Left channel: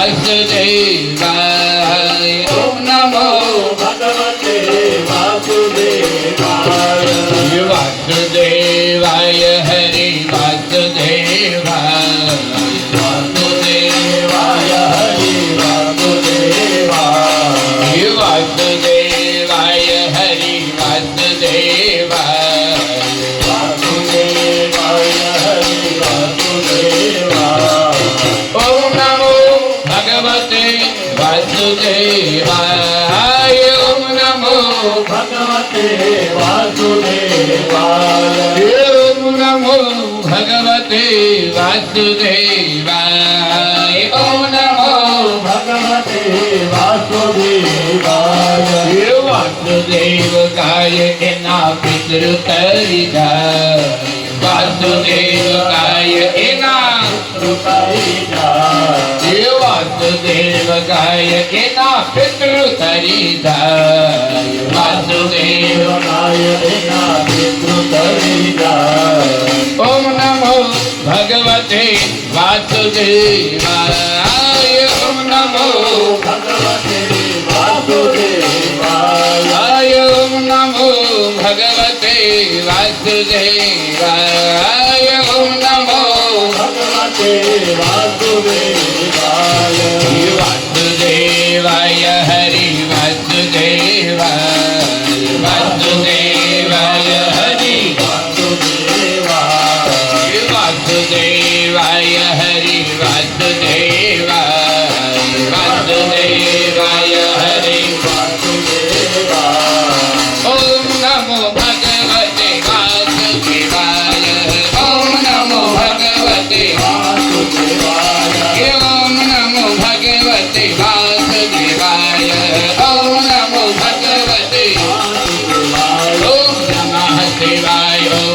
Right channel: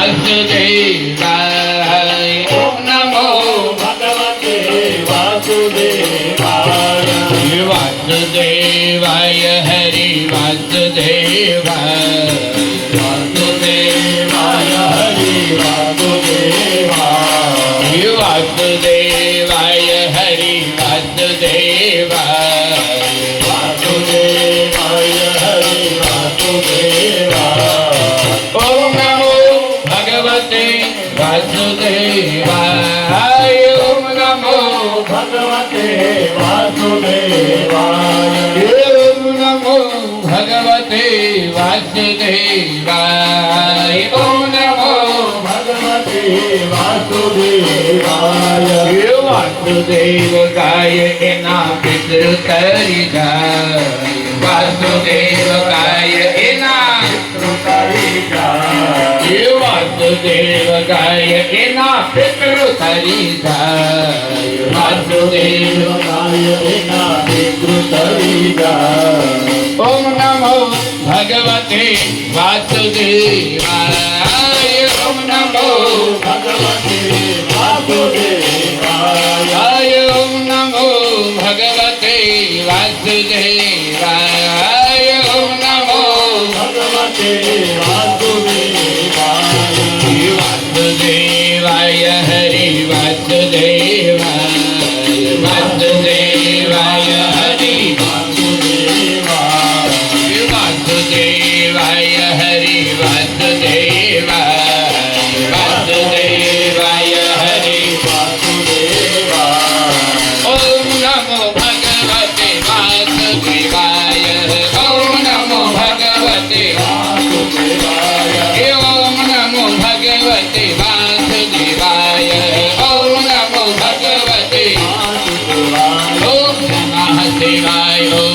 वासुदेवाय ओम नमो भगवते वासुदेवाय वासुदेवाय हरि वासुदेवाय वासुदेवाय हरि वासुदेवाय वासुदेवाय हरि वासुदेवाय वासुदेवाय हरि वासुदेवाय ओम नमो भगवते वासुदेवाय ओम नमो भगवते वासुदेवाय ओम नमो भगवते वासुदेवाय ओम नमो भगवते वासुदेवाय वासुदेव गाय एना पितृ तरि जाय वासुदेव गाय एना पितृ तरि जाय वासुदेव गाय एना पितृ तरि जाय वासुदेव गाय एना पितृ तरि जाय ओम नमो भगवते वासुदेवाय ओम नमो भगवते वासुदेवाय ओम नमो भगवते वासुदेवाय ओम नमो भगवते वासुदेवाय वासुदेवाय हरि वासुदेवाय वासुदेवाय हरि वासुदेवाय वासुदेवाय हरि वासुदेवाय वासुदेवाय हरि वासुदेवाय ओम नमो भगवते वासुदेवाय ओम नमो भगवते वासुदेवाय ओम नमो भगवते वासुदेवाय ओम नमो भगवते वासुदेवाय ओम नमः शिवाय ओम